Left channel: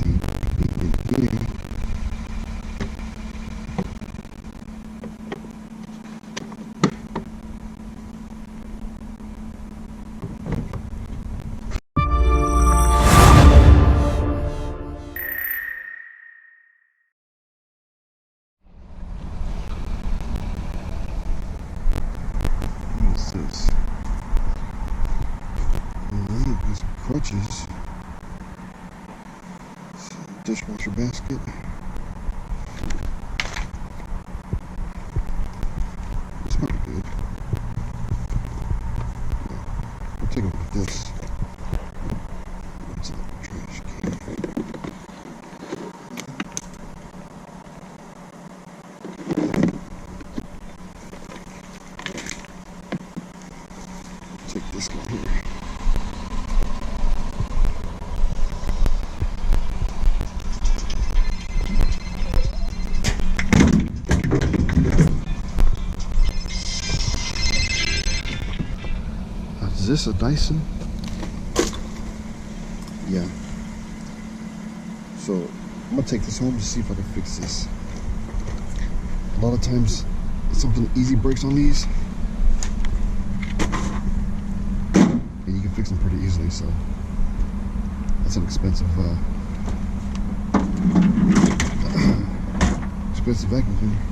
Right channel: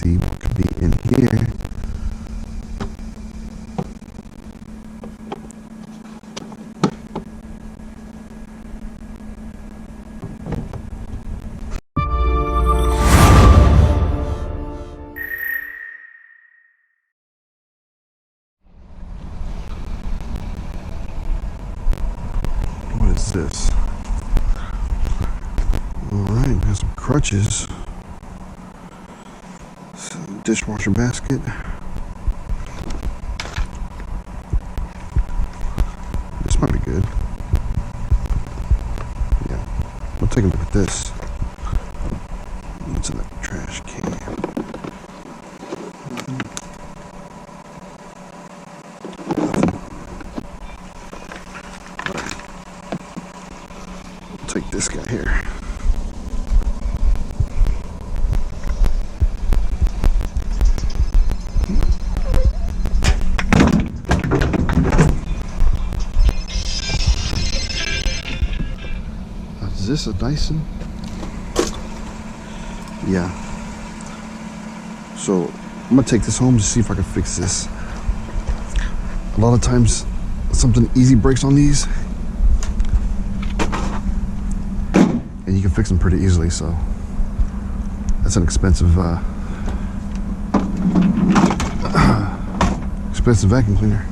see what could be in here. What is this? Alright, there's some crutches. Some dishwasher basket. This might be good. Yeah, we'll take a look at this. What's in that trash can? Take this guy here. Is this a Dyson? Yeah. So I'm gonna take this home to see if I can fix this. A lot of times something easy breaks on these, and you can fix them pretty easily, so that's an expensive expensive vacuum cleaner.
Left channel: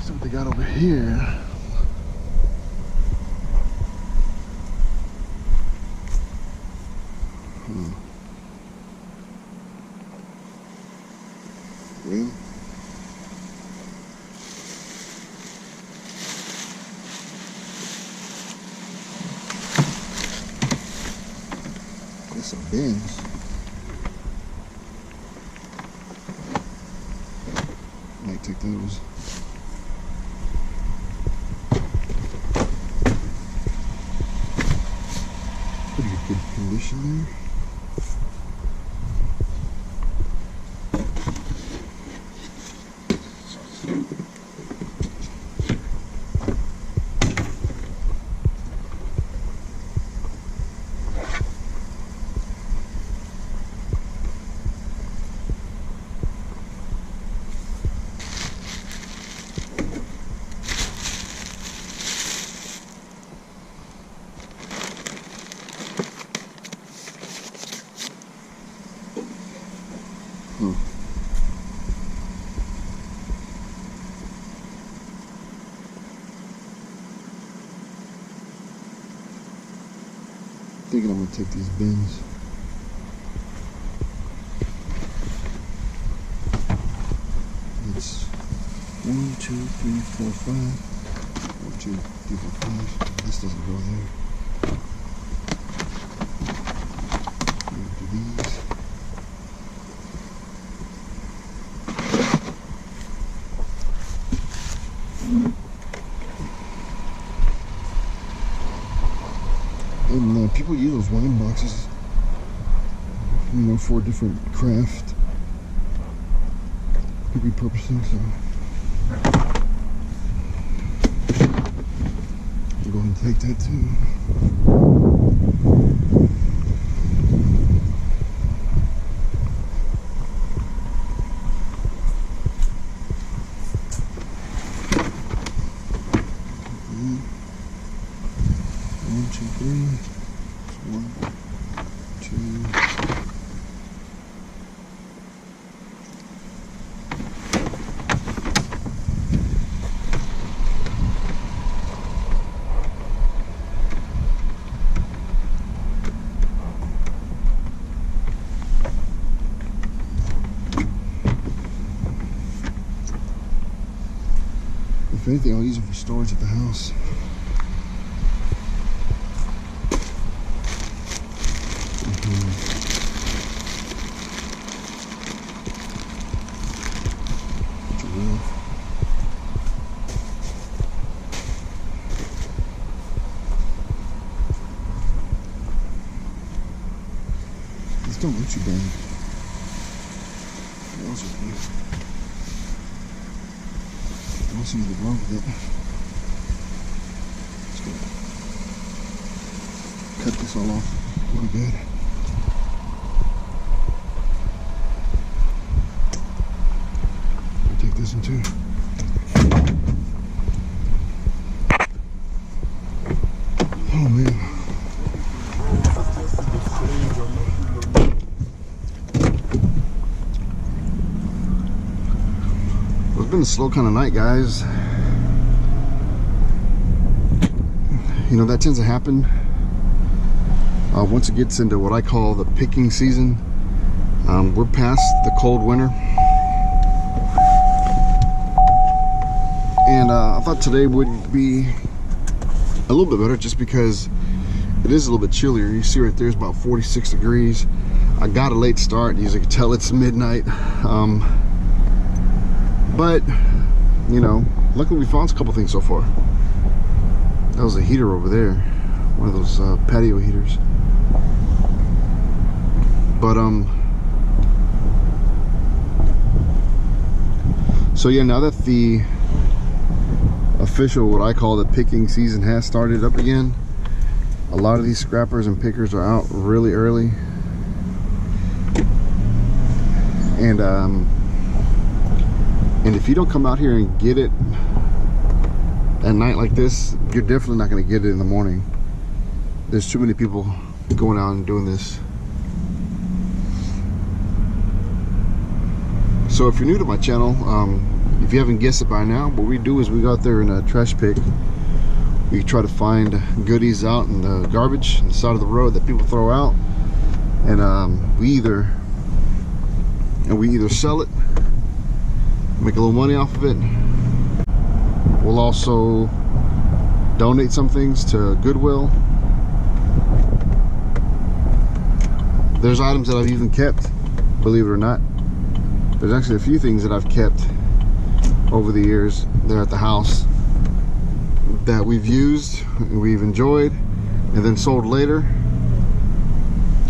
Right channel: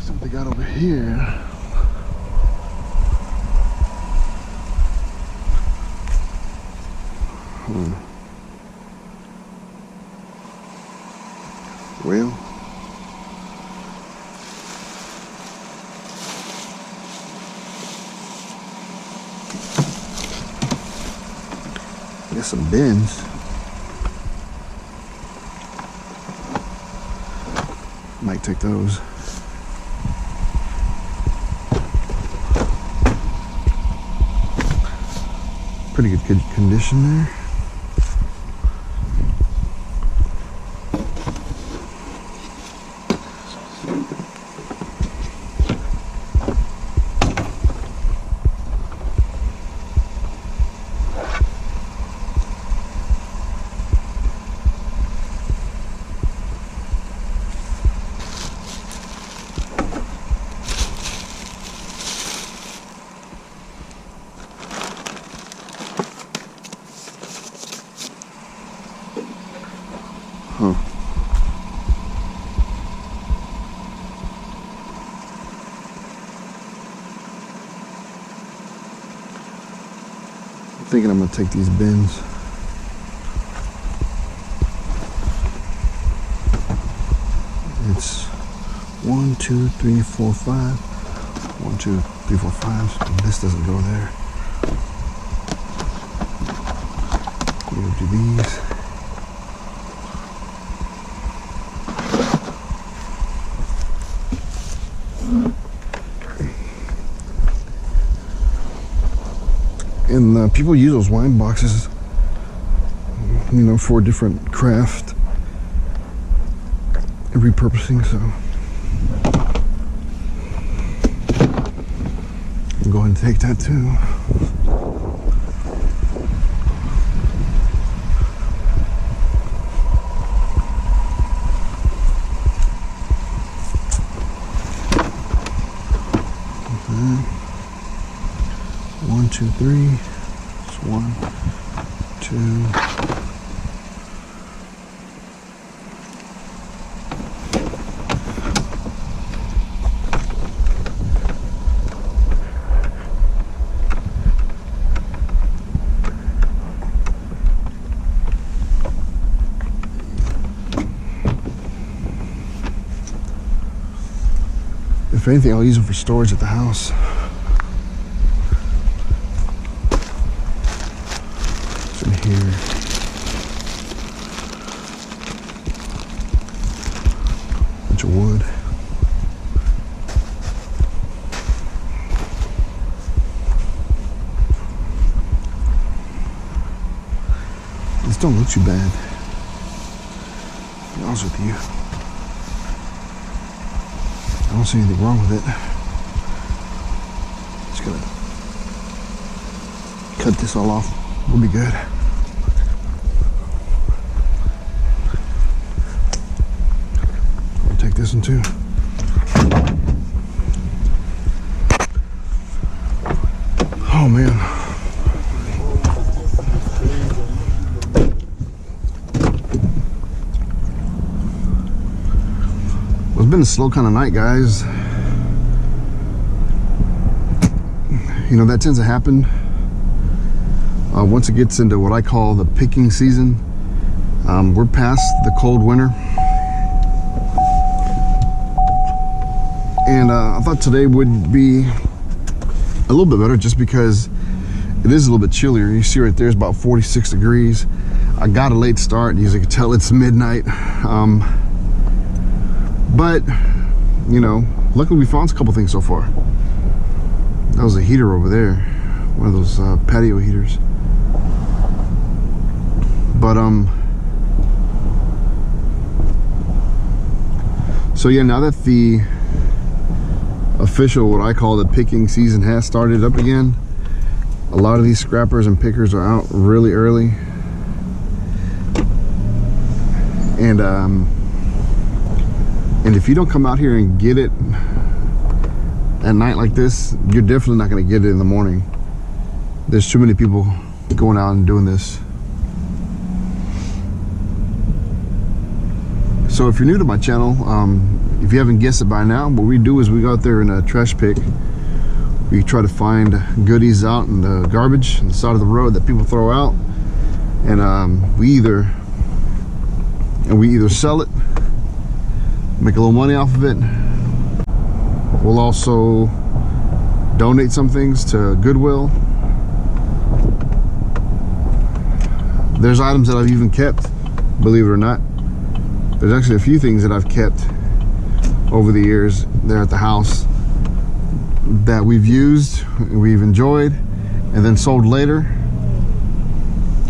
So what they got over here. Well, there's some bins. Might take those. Pretty good condition there. Huh. I'm thinking I'm gonna take these bins. It's 1, 2, 3, 4, 5. 1, 2, 3, 4, 5. This doesn't go there. We'll do these. And people use those wine boxes, you know, for different craft and repurposing, so I'll go ahead and take that too. Okay. 1, 2, 3. It's 1, 2. If anything, I'll use them for storage at the house. What's in here? Bunch of wood. This don't look too bad. To be honest with you, I don't see anything wrong with it. Just gonna cut this all off. We'll be good. I'll take this one too. Oh man. Well, it's been a slow kind of night, guys. You know, that tends to happen once it gets into what I call the picking season. We're past the cold winter. And I thought today would be a little bit better just because it is a little bit chillier. You see right there, it's about 46 degrees. I got a late start. As you can tell, it's midnight. But, you know, luckily we found a couple things so far. That was a heater over there. One of those patio heaters. But, so yeah, now that the official, what I call the picking season, has started up again, a lot of these scrappers and pickers are out really early. And if you don't come out here and get it at night like this, you're definitely not going to get it in the morning. There's too many people going out and doing this. So if you're new to my channel, if you haven't guessed it by now, what we do is we go out there in a trash pick. We try to find goodies out in the garbage on the side of the road that people throw out, and we either sell it, make a little money off of it. We'll also donate some things to Goodwill. There's items that I've even kept, believe it or not. There's actually a few things that I've kept over the years there at the house that we've used, we've enjoyed, and then sold later.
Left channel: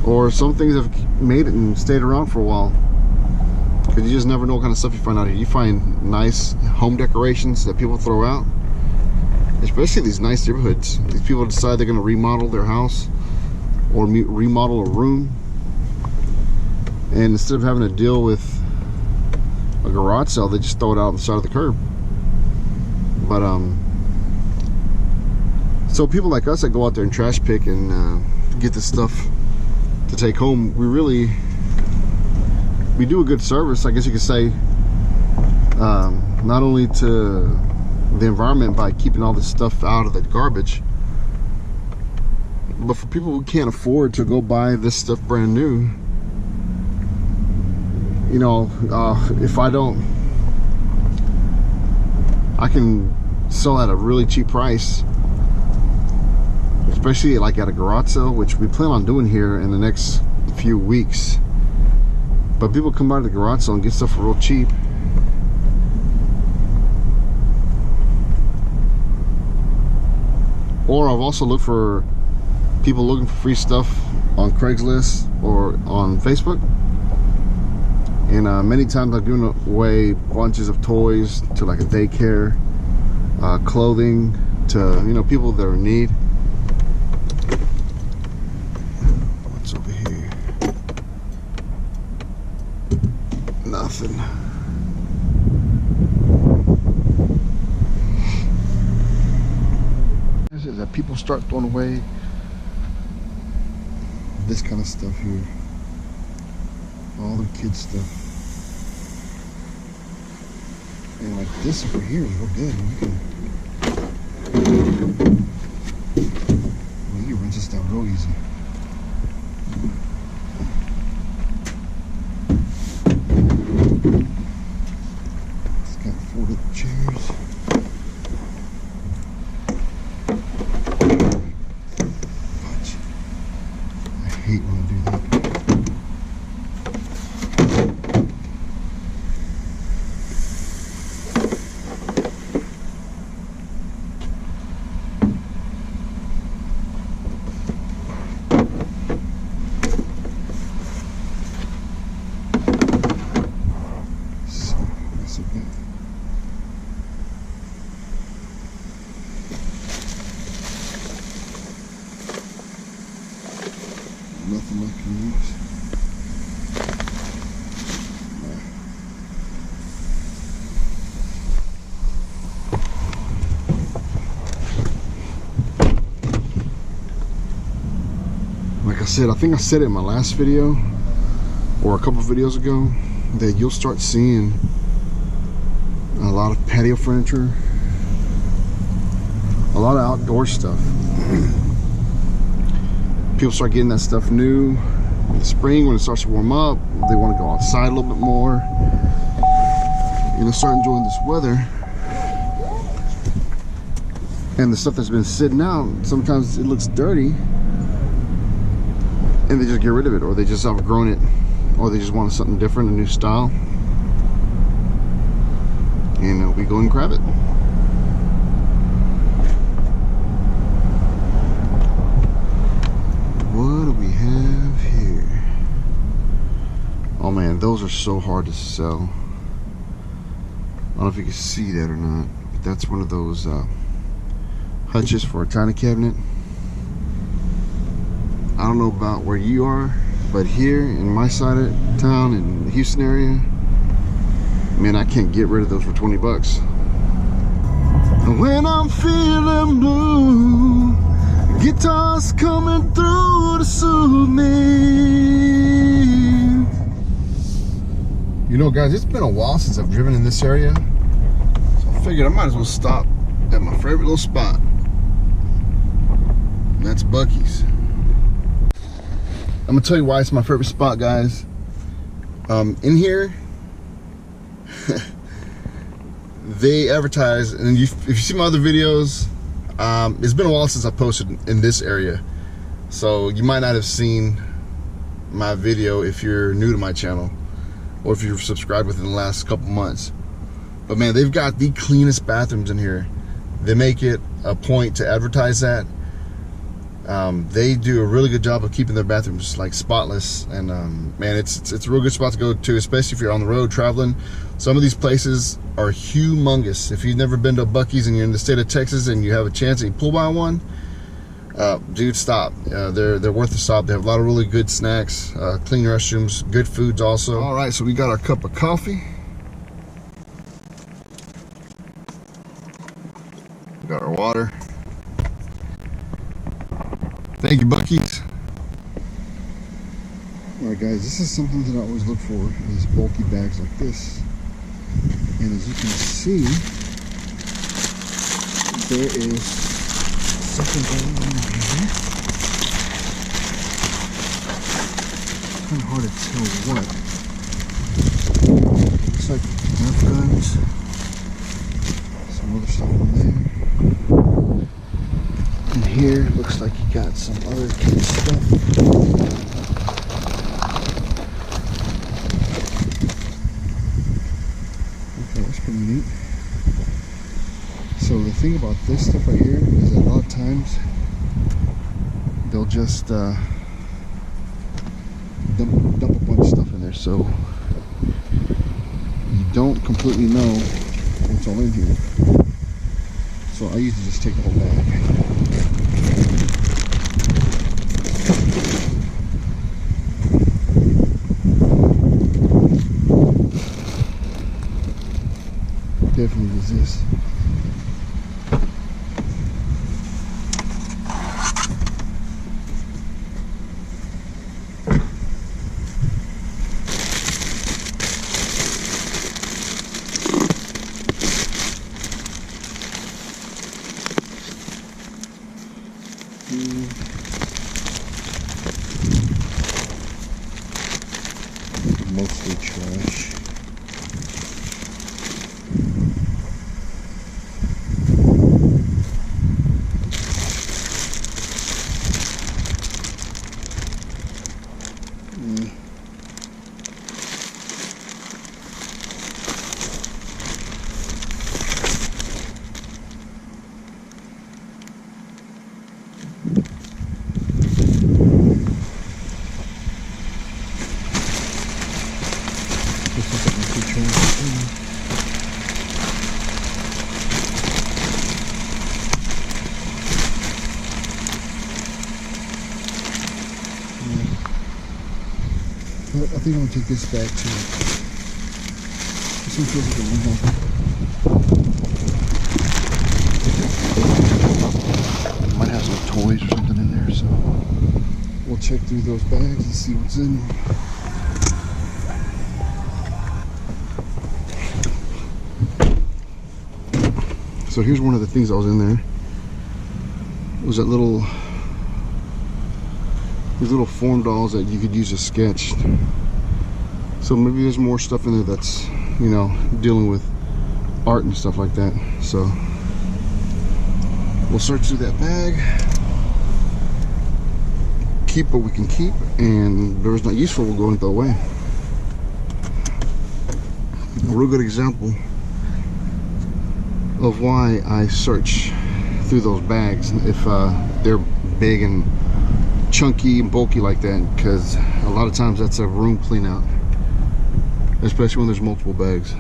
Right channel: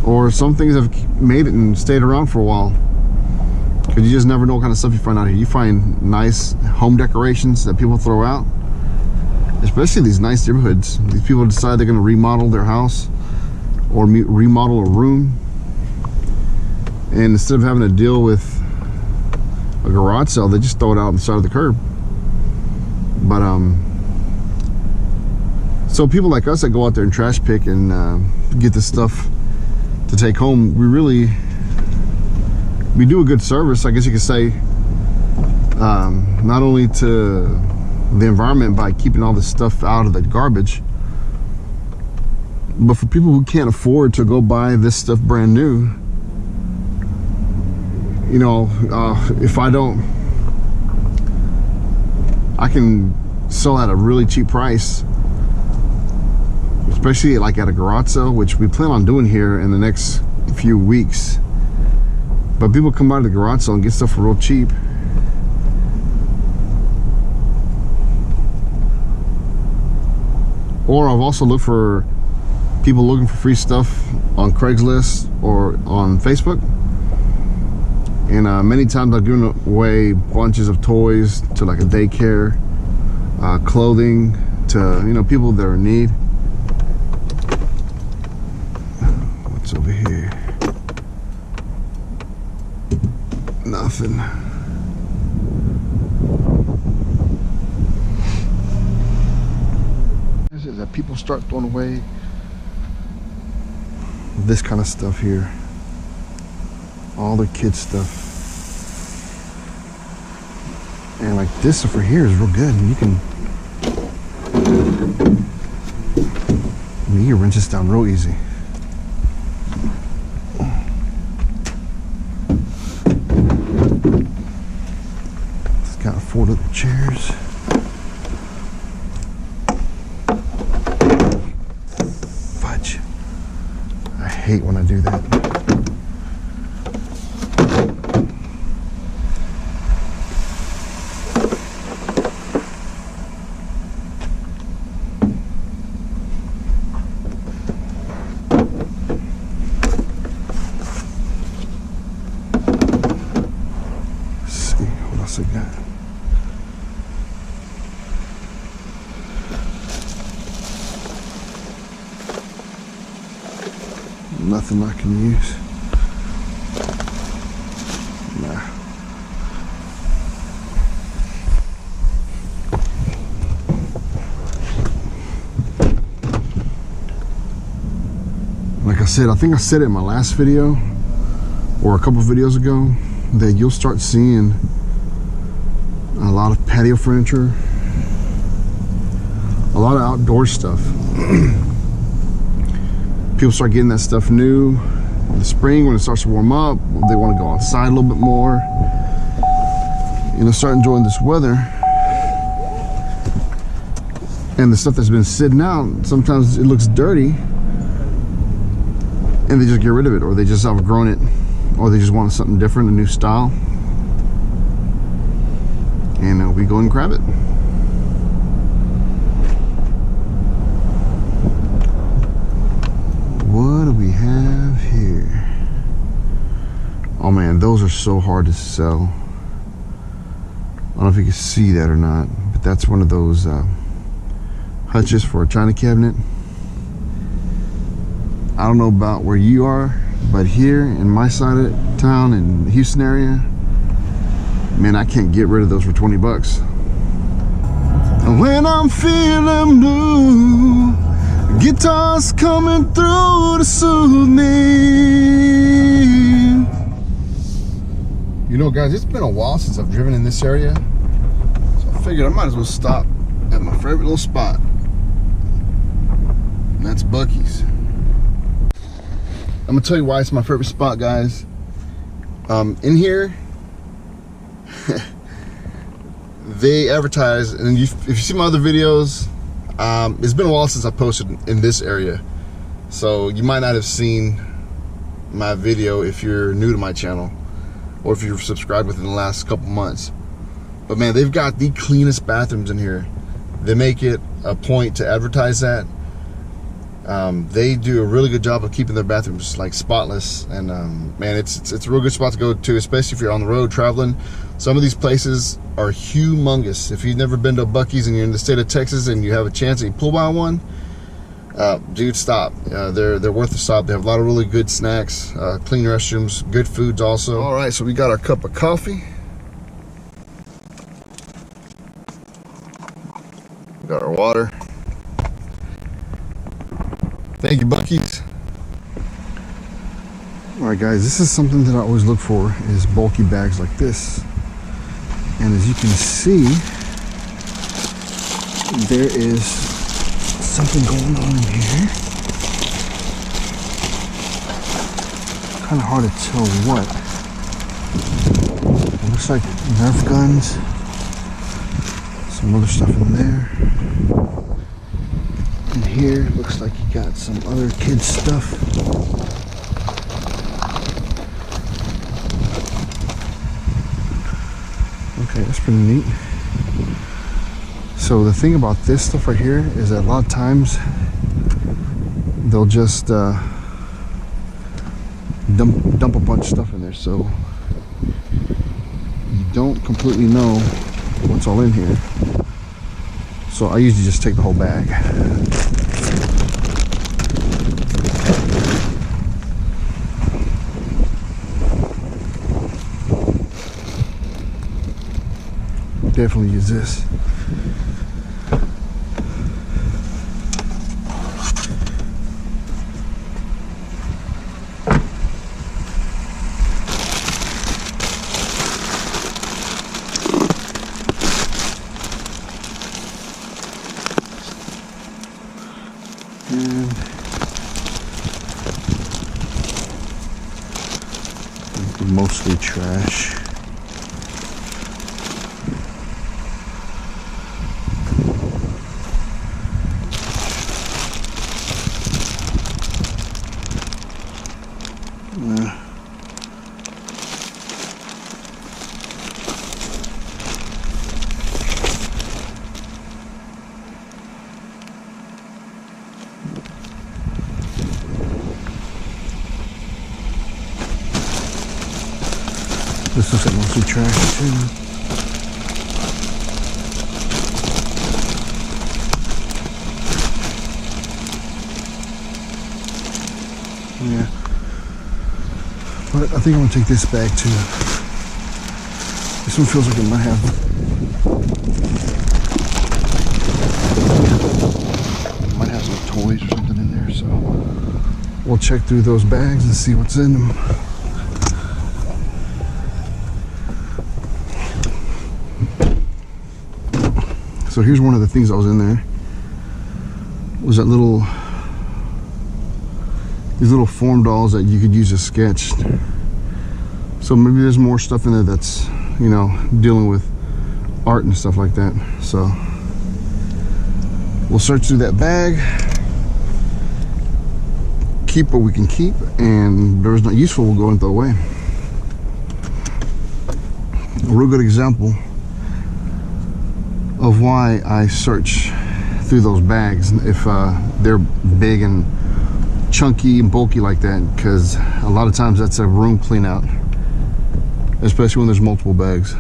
Or some things have made it and stayed around for a while. Because you just never know what kind of stuff you find out here. You find nice home decorations that people throw out, especially these nice neighborhoods. These people decide they're going to remodel their house or remodel a room, and instead of having to deal with a garage sale, they just throw it out on the side of the curb. But so people like us that go out there and trash pick and get this stuff to take home, we do a good service, I guess you could say, not only to the environment by keeping all this stuff out of the garbage, but for people who can't afford to go buy this stuff brand new. You know, if I can sell at a really cheap price, especially like at a garage sale, which we plan on doing here in the next few weeks. But people come out of the garage sale and get stuff for real cheap. Or I've also looked for people looking for free stuff on Craigslist or on Facebook. And many times I've given away bunches of toys to like a daycare, clothing to, you know, people that are in need. What's over here? Nothing. Is it that people start throwing away this kind of stuff here? All their kids stuff. And like this over here is real good. And you can, you can wrench this down real easy. It's got 4 little chairs. Fudge. I hate when I do that. Nothing I can use. Nah. Like I said, I think I said it in my last video or a couple of videos ago that you'll start seeing a lot of patio furniture, a lot of outdoor stuff. People start getting that stuff new in the spring when it starts to warm up. They want to go outside a little bit more, you know, start enjoying this weather. And the stuff that's been sitting out, sometimes it looks dirty and they just get rid of it, or they just outgrown it, or they just want something different, a new style, and we go and grab it. What do we have here? Oh man, those are so hard to sell. I don't know if you can see that or not, but that's one of those hutches for a china cabinet. I don't know about where you are, but here in my side of town, in the Houston area, man, I can't get rid of those for 20 bucks. When I'm feeling blue, guitars coming through to soothe me. You know, guys, it's been a while since I've driven in this area, so I figured I might as well stop at my favorite little spot, and that's Buc-ee's. I'm gonna tell you why it's my favorite spot, guys. In here, they advertise, and if you see my other videos, it's been a while since I posted in this area, so you might not have seen my video if you're new to my channel, or if you've subscribed within the last couple months. But man, they've got the cleanest bathrooms in here. They make it a point to advertise that. They do a really good job of keeping their bathrooms like spotless, and man, it's a real good spot to go to, especially if you're on the road traveling. Some of these places are humongous. If you've never been to a Buc-ee's and you're in the state of Texas and you have a chance and you pull by one, dude, stop. They're worth the stop. They have a lot of really good snacks, clean restrooms, good foods also. All right, so we got our cup of coffee. We got our water. Thank you, Buc-ee's. All right, guys, this is something that I always look for, is bulky bags like this. And as you can see, there is something going on here. Kind of hard to tell what. It looks like Nerf guns. Some other stuff in there. And here looks like you got some other kids stuff. Okay, that's pretty neat. So the thing about this stuff right here is that a lot of times they'll just dump a bunch of stuff in there, so you don't completely know what's all in here. So I usually just take the whole bag. Definitely use this. Mostly trash. This looks like mostly trash too. Yeah. But I think I'm gonna take this bag too. This one feels like it might have some toys or something in there, so we'll check through those bags and see what's in them. So here's one of the things that was in there. Was that these little foam dolls that you could use to sketch. So maybe there's more stuff in there that's, you know, dealing with art and stuff like that. So we'll search through that bag, keep what we can keep, and whatever's not useful we'll go and throw away. A real good example of why I search through those bags if they're big and chunky and bulky like that, because a lot of times that's a room clean out, especially when there's multiple bags.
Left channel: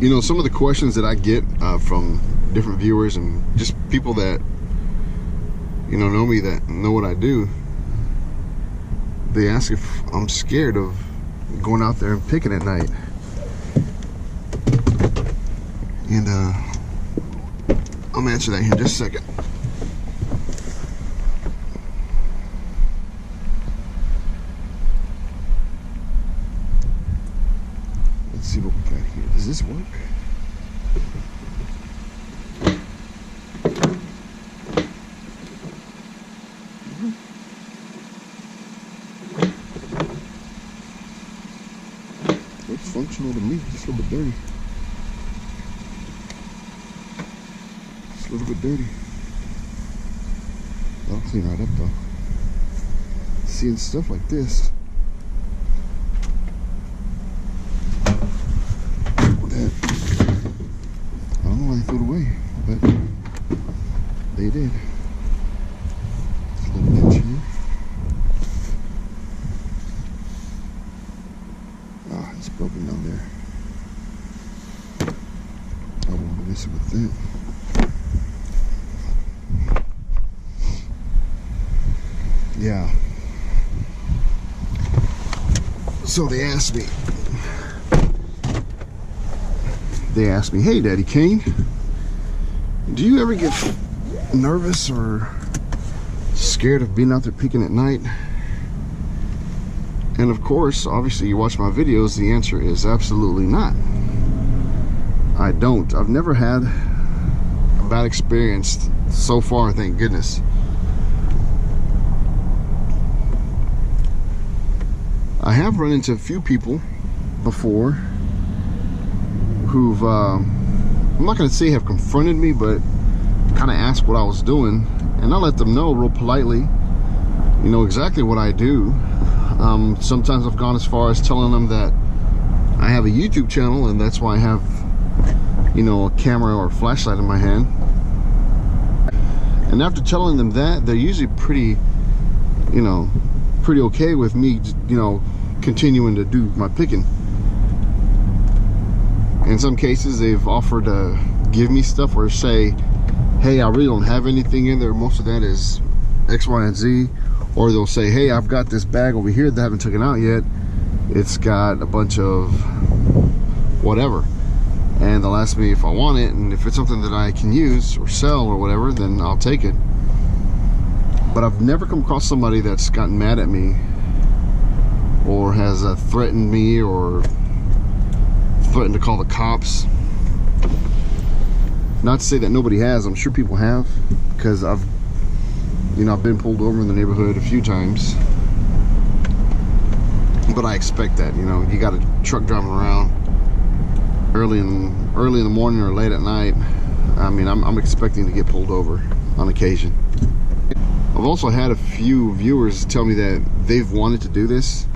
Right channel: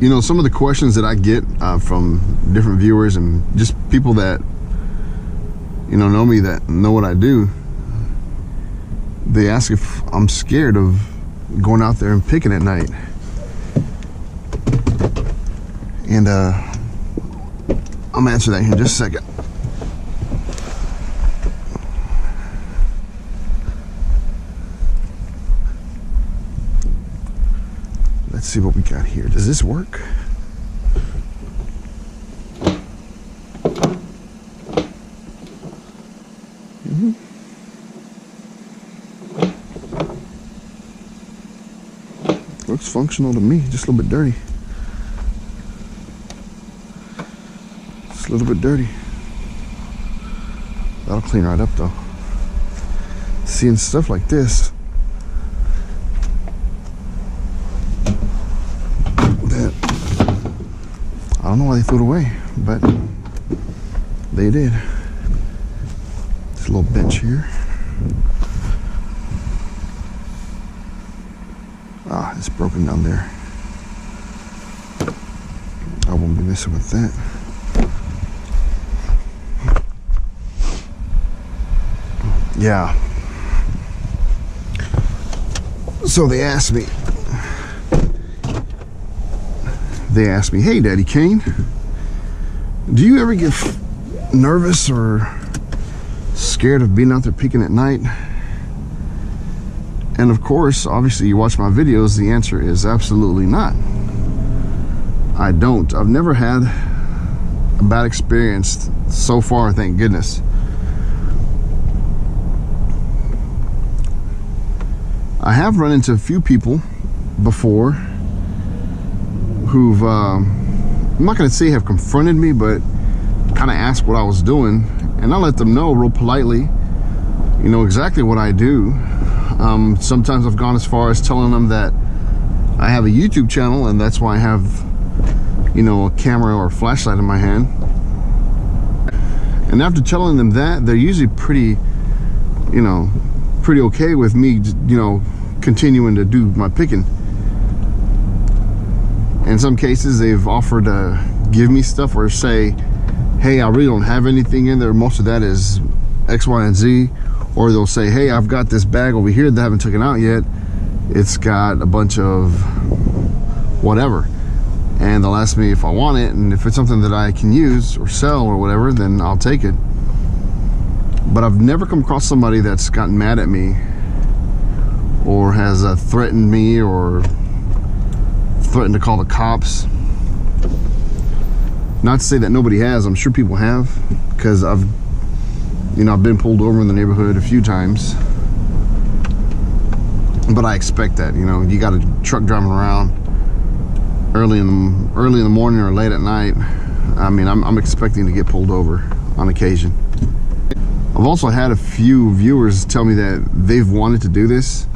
You know, some of the questions that I get from different viewers and just people that, you know me, that know what I do, they ask if I'm scared of going out there and picking at night. And I'm gonna answer that here in just a second. Let's see what we got here. Does this work? Looks functional to me, just a little bit dirty. Just a little bit dirty. That'll clean right up though. Seeing stuff like this, that I don't know why they threw it away, but they did. This little bench here. Ah, it's broken down there. I won't be messing with that. Yeah. So they asked me, hey Daddy Kane, do you ever get nervous or scared of being out there picking at night? And of course, obviously you watch my videos, the answer is absolutely not. I don't. I've never had a bad experience so far, thank goodness. I have run into a few people before who've, I'm not gonna say have confronted me, but kind of asked what I was doing, and I let them know real politely, you know, exactly what I do. Sometimes I've gone as far as telling them that I have a YouTube channel, and that's why I have, you know, a camera or a flashlight in my hand. And after telling them that, they're usually pretty, you know, pretty okay with me, you know, continuing to do my picking. In some cases, they've offered to give me stuff or say, hey, I really don't have anything in there. Most of that is X, Y, and Z. Or they'll say, hey, I've got this bag over here that I haven't taken out yet. It's got a bunch of whatever. And they'll ask me if I want it, and if it's something that I can use or sell or whatever, then I'll take it. But I've never come across somebody that's gotten mad at me or has threatened me or threatened to call the cops. Not to say that nobody has, I'm sure people have, because I've been pulled over in the neighborhood a few times. But I expect that, you know, you got a truck driving around early in the morning or late at night. I mean, I'm expecting to get pulled over on occasion. I've also had a few viewers tell me that they've wanted to do this,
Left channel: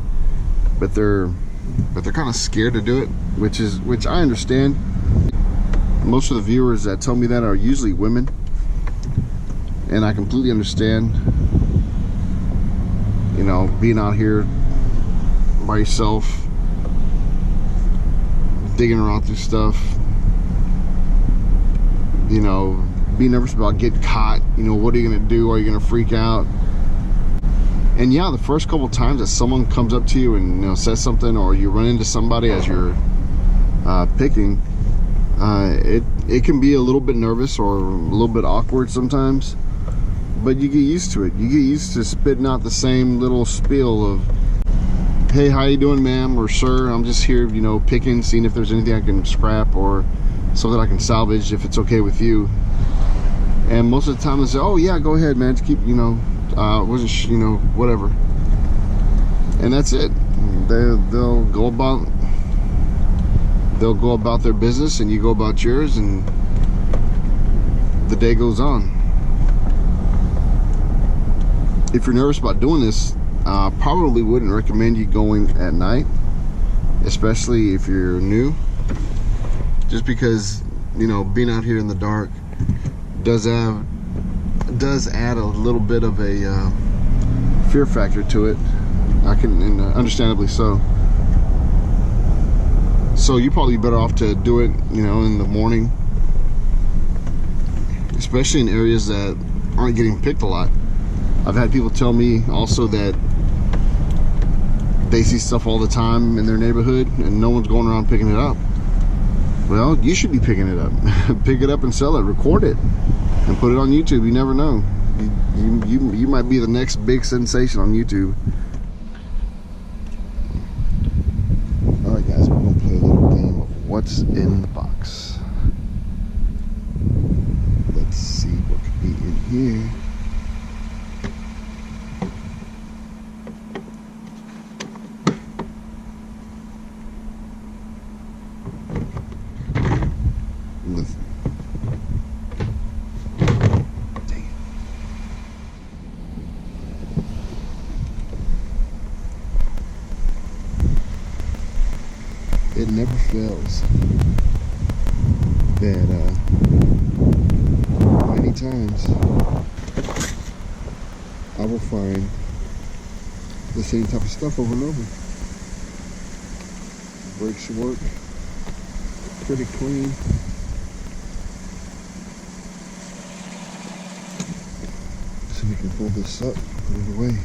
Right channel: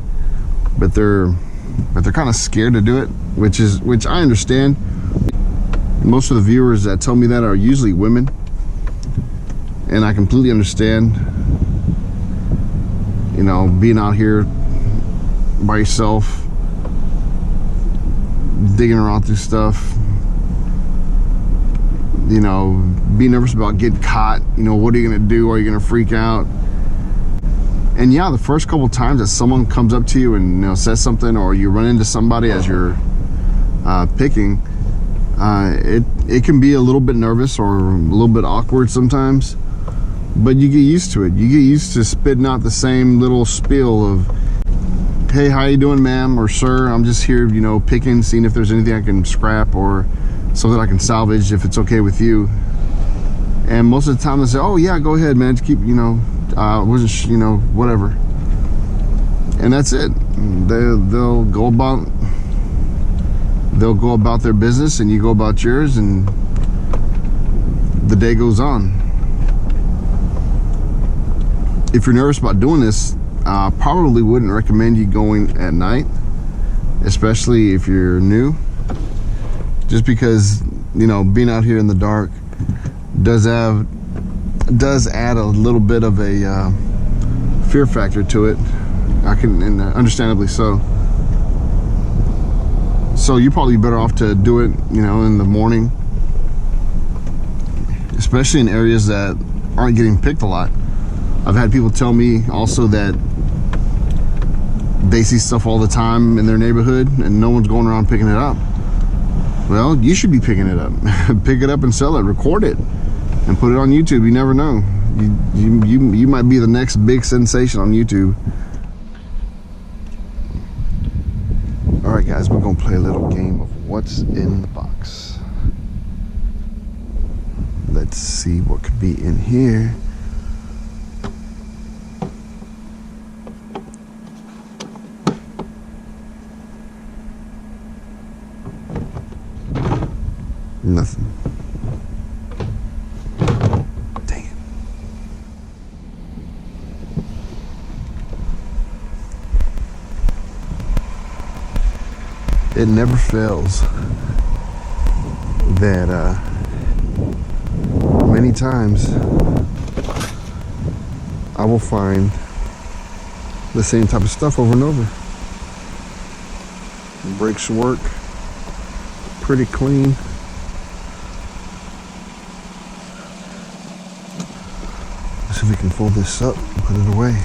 but they're kind of scared to do it, which I understand. Most of the viewers that tell me that are usually women, and I completely understand, you know, being out here by yourself, digging around through stuff, you know, be nervous about getting caught. You know, what are you gonna do? Are you gonna freak out? And yeah, the first couple times that someone comes up to you and, you know, says something, or you run into somebody as you're picking, it can be a little bit nervous or a little bit awkward sometimes, but you get used to it. You get used to spitting out the same little spiel of, hey, how you doing, ma'am or sir? I'm just here, you know, picking, seeing if there's anything I can scrap or something I can salvage, if it's okay with you. And most of the time they say, oh yeah, go ahead, man, just keep, you know, wasn't, you know, whatever. And that's it. They'll go about their business, and you go about yours, and the day goes on. If you're nervous about doing this, probably wouldn't recommend you going at night, especially if you're new, just because, you know, being out here in the dark does add a little bit of a fear factor to it. And understandably so. So you're probably better off to do it, you know, in the morning, especially in areas that aren't getting picked a lot. I've had people tell me also that they see stuff all the time in their neighborhood and no one's going around picking it up. Well, you should be picking it up. Pick it up and sell it, record it, and put it on YouTube. You never know. You might be the next big sensation on YouTube. All right, guys, we're gonna play a little game of what's in the box. Let's see what could be in here. Nothing. Dang it. It never fails that many times I will find the same type of stuff over and over. Brakes work pretty clean. Let's see if we can fold this up and put it away.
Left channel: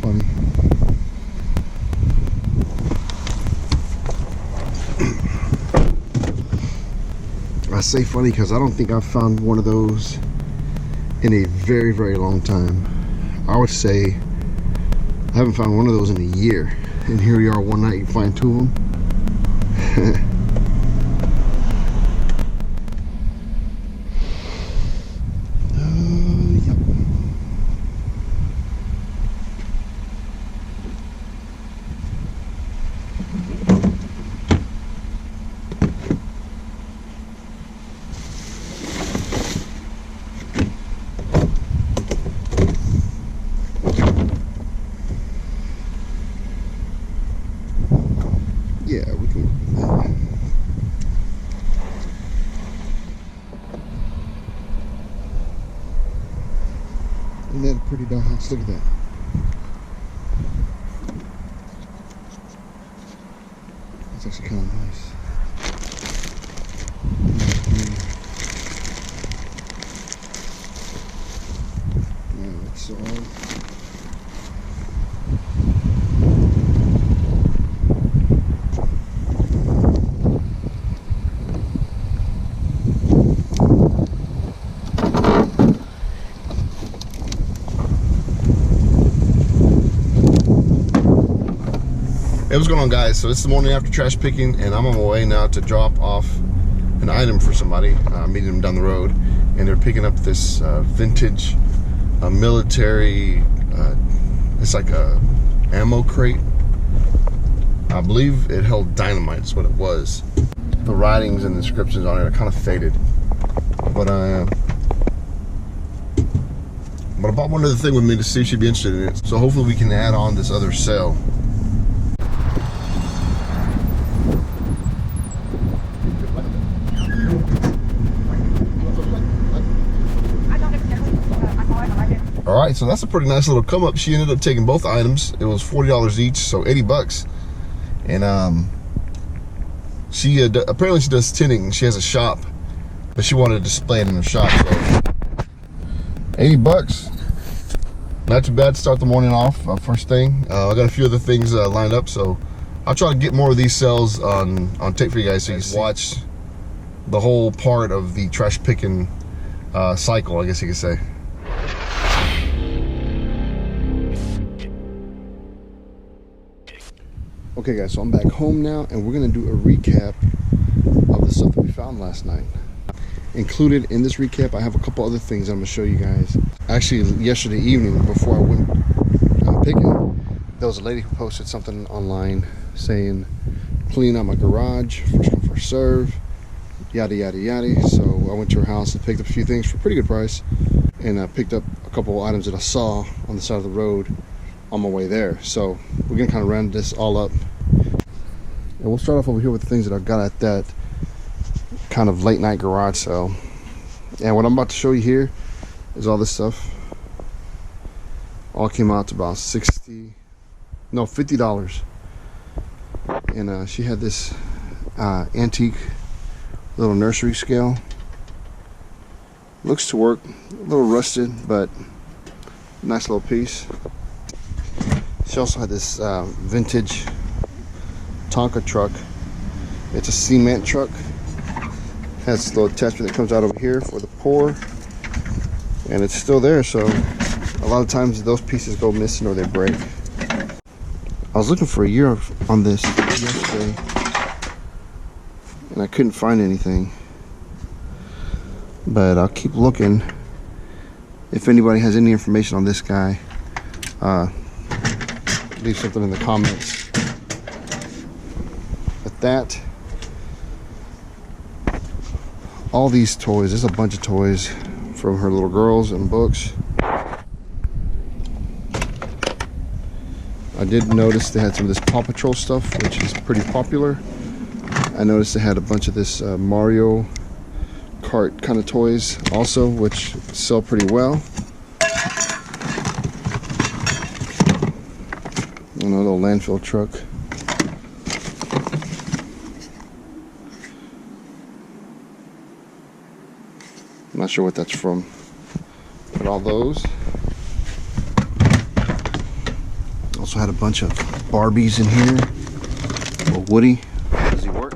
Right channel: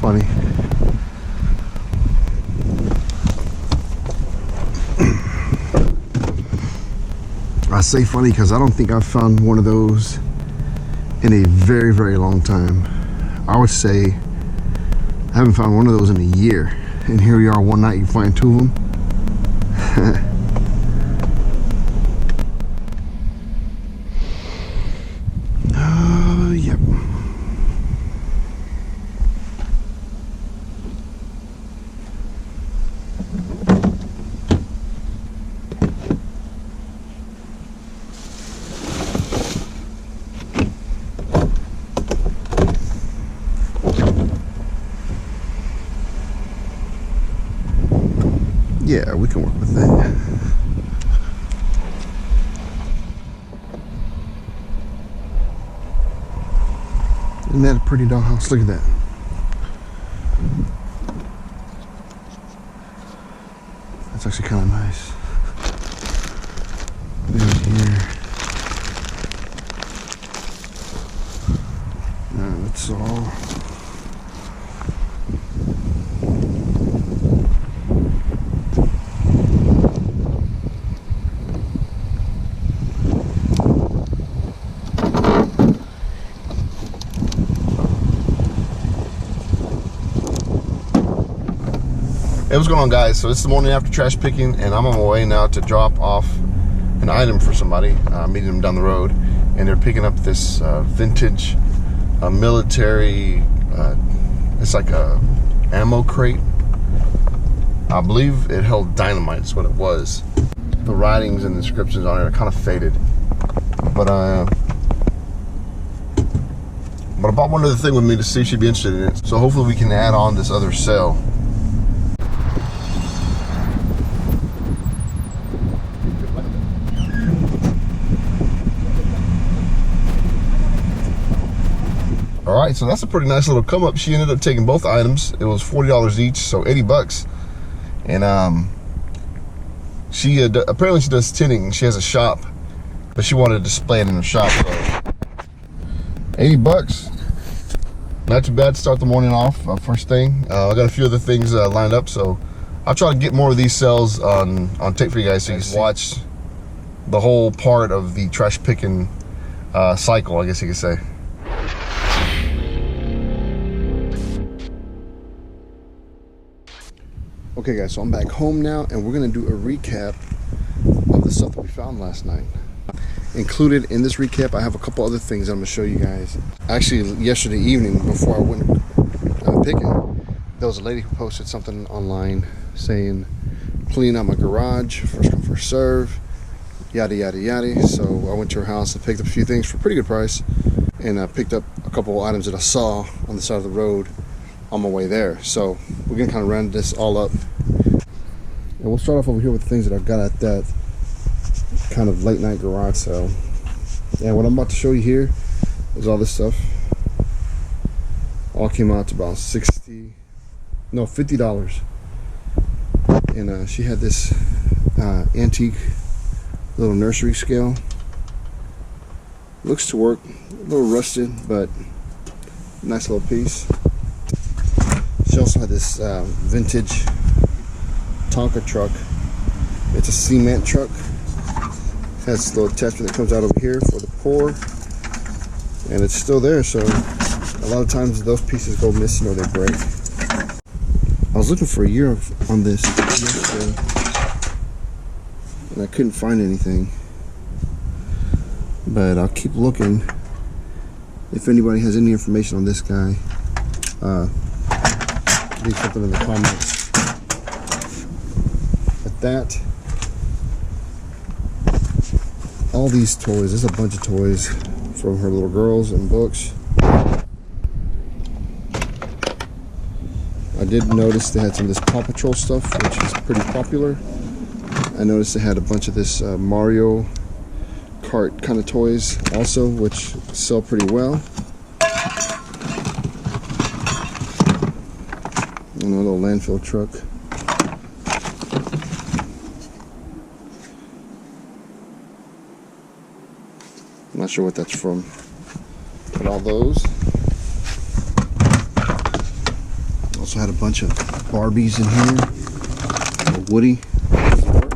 Funny. I say funny because I don't think I've found one of those in a very, very long time. I would say I haven't found one of those in a year. And here we are one night, you find two of them. Yep. Yeah, we can work with that. Isn't that a pretty dollhouse? Look at that. That's actually kind of nice. That's all. Hey, what's going on, guys? So it's the morning after trash picking, and I'm on my way now to drop off an item for somebody. Meeting them down the road, and they're picking up this vintage military. It's like a ammo crate. I believe it held dynamite. Is what it was. the writings and descriptions on it are kind of faded. But I bought one other thing with me to see if she'd be interested in it. So hopefully we can add on this other cell. All right, so that's a pretty nice little come up. She ended up taking both items. It was $40 each, so 80 bucks. And she apparently she does tinting. She has a shop, but she wanted to display it in her shop. So 80 bucks, not too bad to start the morning off. First thing, I got a few other things lined up, so I'll try to get more of these cells on tape for you guys, so you can watch the whole part of the trash picking cycle, I guess you could say. Okay guys, so I'm back home now, and we're gonna do a recap of the stuff that we found last night. Included in this recap, I have a couple other things I'm gonna show you guys. Actually, yesterday evening, before I went picking, there was a lady who posted something online saying, clean out my garage, first come, first serve, yada, yada, yada. So I went to her house and picked up a few things for a pretty good price, and I picked up a couple of items that I saw on the side of the road on my way there. So we're gonna kind of round this all up, and we'll start off over here with the things that I got at that kind of late night garage sale. And what I'm about to show you here is all this stuff. All came out to about $50. And she had this antique little nursery scale. Looks to work, a little rusted, but nice little piece. She also had this vintage Tonka truck. It's a cement truck. Has this little attachment that comes out over here for the pour, and it's still there. So a lot of times those pieces go missing or they break. I was looking for a year on this yesterday, and I couldn't find anything. But I'll keep looking. If anybody has any information on this guy, leave something in the comments. But that, all these toys, there's a bunch of toys from her little girls and books. I did notice they had some of this Paw Patrol stuff, which is pretty popular. I noticed they had a bunch of this Mario Kart kind of toys also, which sell pretty well. And a little landfill truck. I'm not sure what that's from, but all those. Also had a bunch of Barbies in here. Little Woody. Does he work?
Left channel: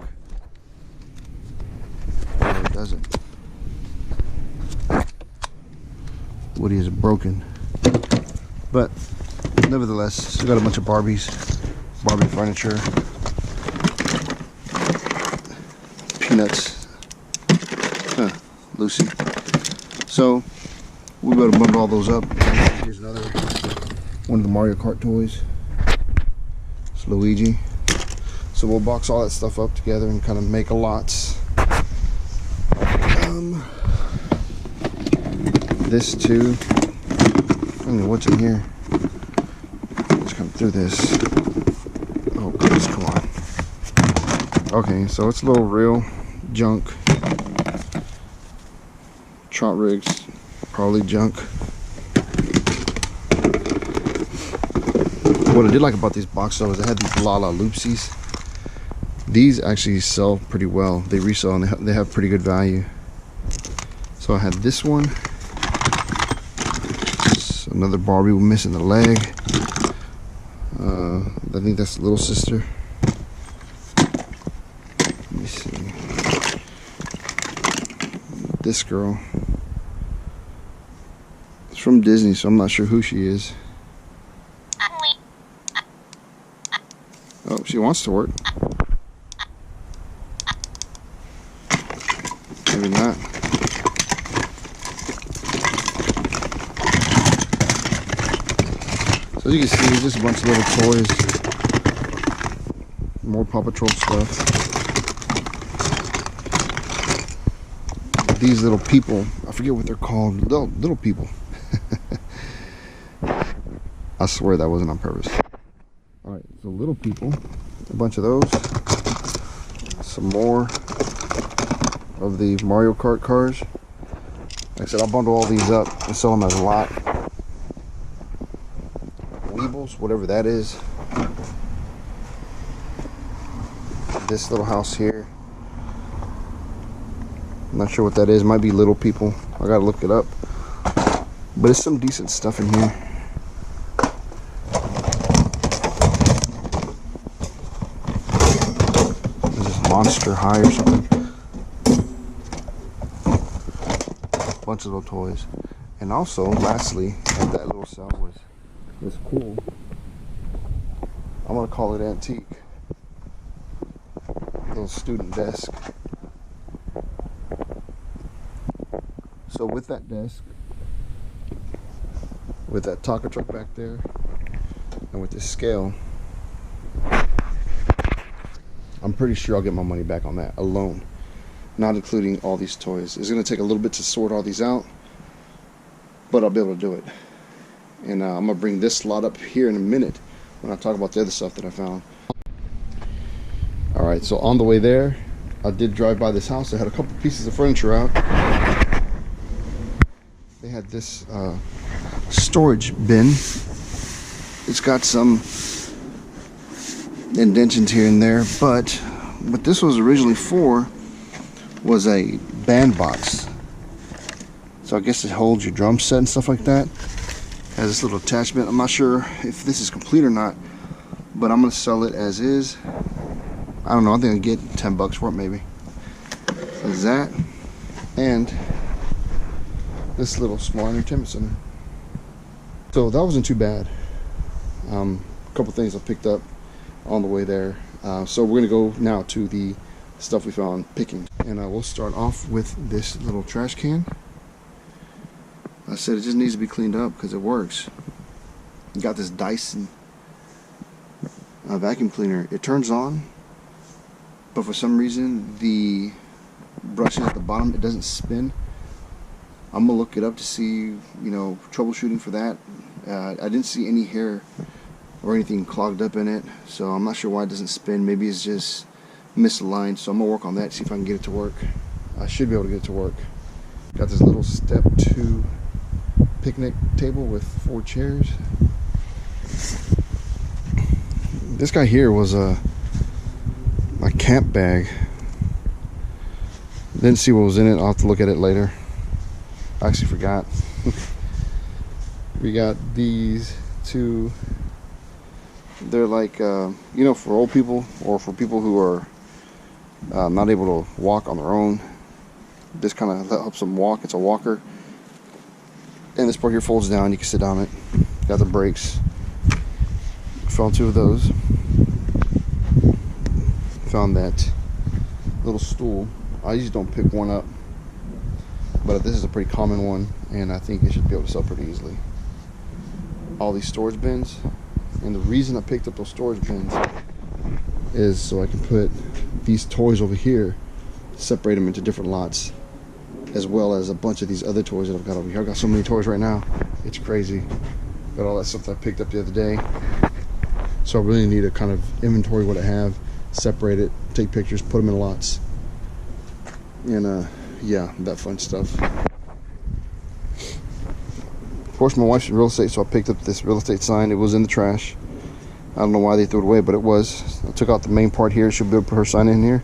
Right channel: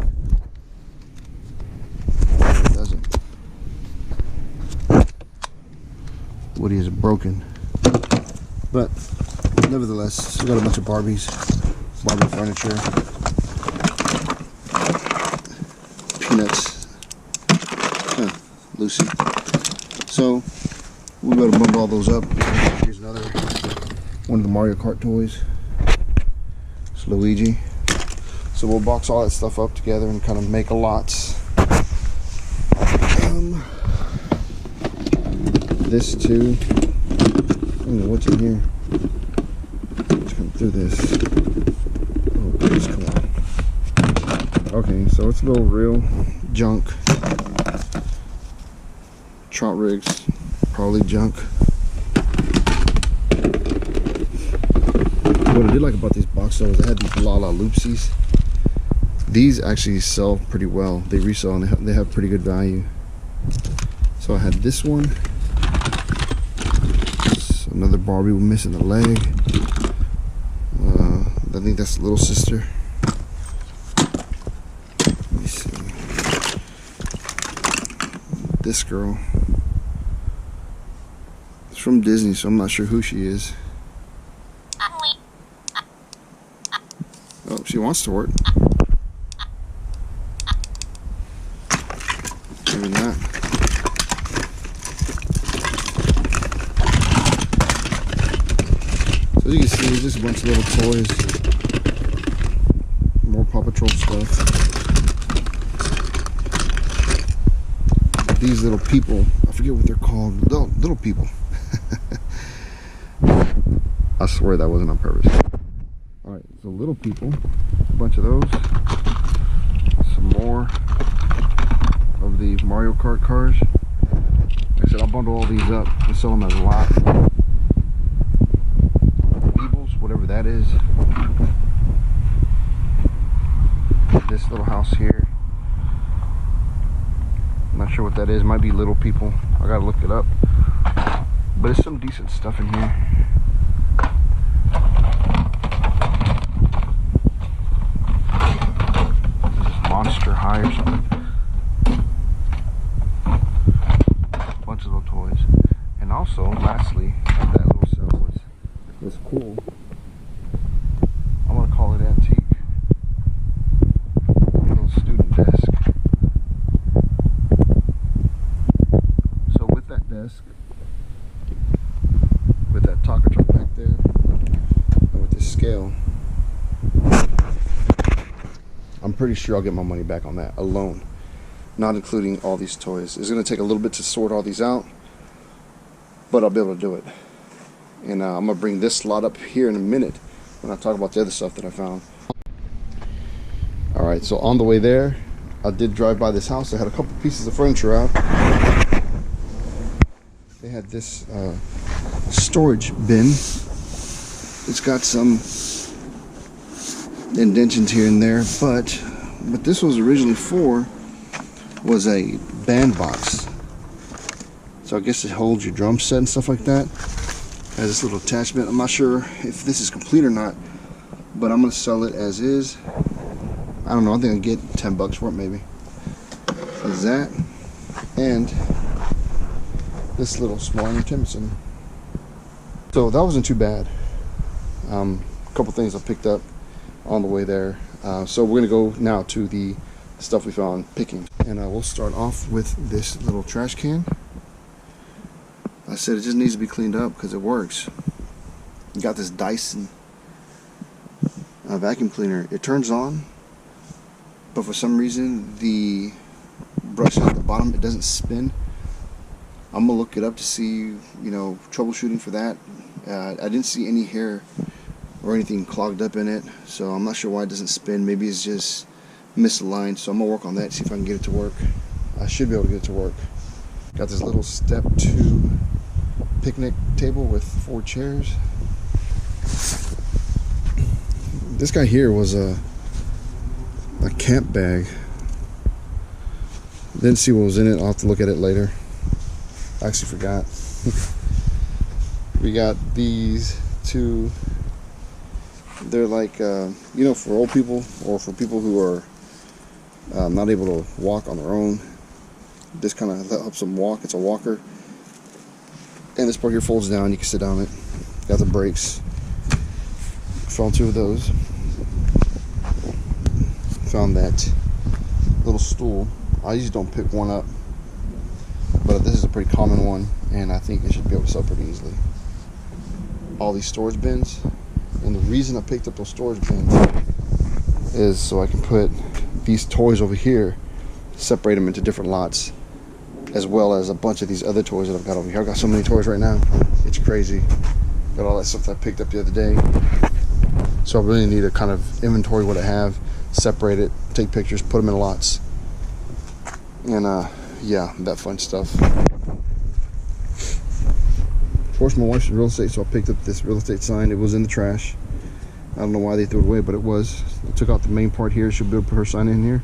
No, he doesn't. Woody is broken. But nevertheless, still got a bunch of Barbies, Barbie furniture, Peanuts, Lucy. So we'll be able to bundle all those up. Here's another one of the Mario Kart toys. It's Luigi. So we'll box all that stuff up together and kind of make a lots. This too. I don't know what's in here. Let's come through this. Oh goodness, come on. Okay, so it's a little real junk. Trot rigs, probably junk. What I did like about these box though is I had these Lala Loopsies. These actually sell pretty well. They resell and they have pretty good value. So I had this one. It's another Barbie missing the leg. I think that's the little sister. Let me see. This girl. It's from Disney, so I'm not sure who she is. Oh, she wants to work. Maybe not. So as you can see, there's just a bunch of little toys. More Paw Patrol stuff. these little people. I forget what they're called. Little people. I swear that wasn't on purpose. All right, so little people, a bunch of those. Some more of the Mario Kart cars. Like I said, I'll bundle all these up and sell them as a lot. Weebles, whatever that is. This little house here. I'm not sure what that is. Might be little people. I gotta look it up. But it's some decent stuff in here. This is Monster High or something. Bunch of little toys. And also, lastly, that little saw was cool. I'm gonna call it antique. Little student desk. So with that desk, with that taco truck back there, and with this scale, I'm pretty sure I'll get my money back on that alone, not including all these toys. It's going to take a little bit to sort all these out, but I'll be able to do it. And I'm going to bring this lot up here in a minute when I talk about the other stuff that I found. Alright, so on the way there, I did drive by this house. I had a couple pieces of furniture out. They had this storage bin. It's got some indentions here and there, but what this was originally for was a band box. So I guess it holds your drum set and stuff like that. Has this little attachment. I'm not sure if this is complete or not, but I'm gonna sell it as is. I don't know, I think I'll get 10 bucks for it maybe. There's that, and this little small entertainment center. So that wasn't too bad. A couple things I picked up on the way there. So we're gonna go now to the stuff we found picking. And we'll start off with this little trash can. I said it just needs to be cleaned up because it works. You got this Dyson vacuum cleaner. It turns on, but for some reason the brushes at the bottom, it doesn't spin. I'm gonna look it up to see, troubleshooting for that. I didn't see any hair or anything clogged up in it, so I'm not sure why it doesn't spin. Maybe it's just misaligned, so I'm gonna work on that, see if I can get it to work. I should be able to get it to work. Got this little step 2 picnic table with 4 chairs. This guy here was a camp bag. Didn't see what was in it. I'll have to look at it later. I actually forgot. We got these 2. They're like, for old people or for people who are not able to walk on their own. This kind of helps them walk. It's a walker. And this part here folds down. You can sit on it. Got the brakes. Found 2 of those. Found that little stool. I usually don't pick one up, but this is a pretty common one, and I think it should be able to sell pretty easily. All these storage bins, and the reason I picked up those storage bins is so I can put these toys over here, separate them into different lots, as well as a bunch of these other toys that I've got over here. I've got so many toys right now, it's crazy. Got all that stuff that I picked up the other day, so I really need to kind of inventory what I have, separate it, take pictures, put them in lots. And yeah, that fun stuff. Of course, my wife's in real estate, so I picked up this real estate sign. It was in the trash. I don't know why they threw it away, but it was. I took out the main part here. She'll be able to put her sign in here.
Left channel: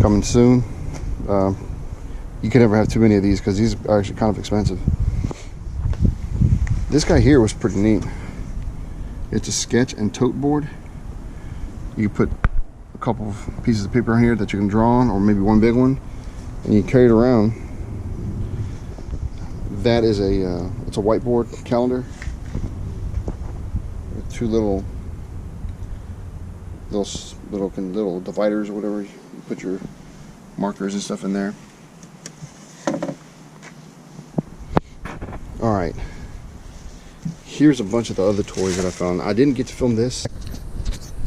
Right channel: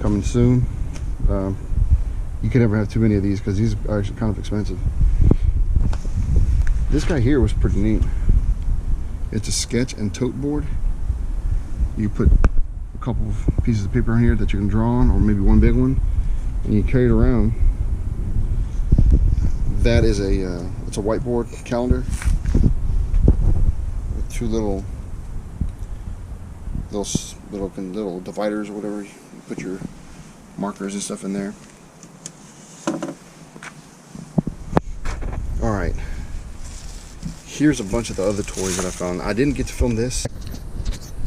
Coming soon. You can never have too many of these because these are actually kind of expensive. This guy here was pretty neat. It's a sketch and tote board. You put a couple of pieces of paper in here that you can draw on, or maybe one big one, and you carry it around. That is it's a whiteboard calendar with 2 little dividers or whatever. You put your markers and stuff in there. All right, here's a bunch of the other toys that I found. I didn't get to film this.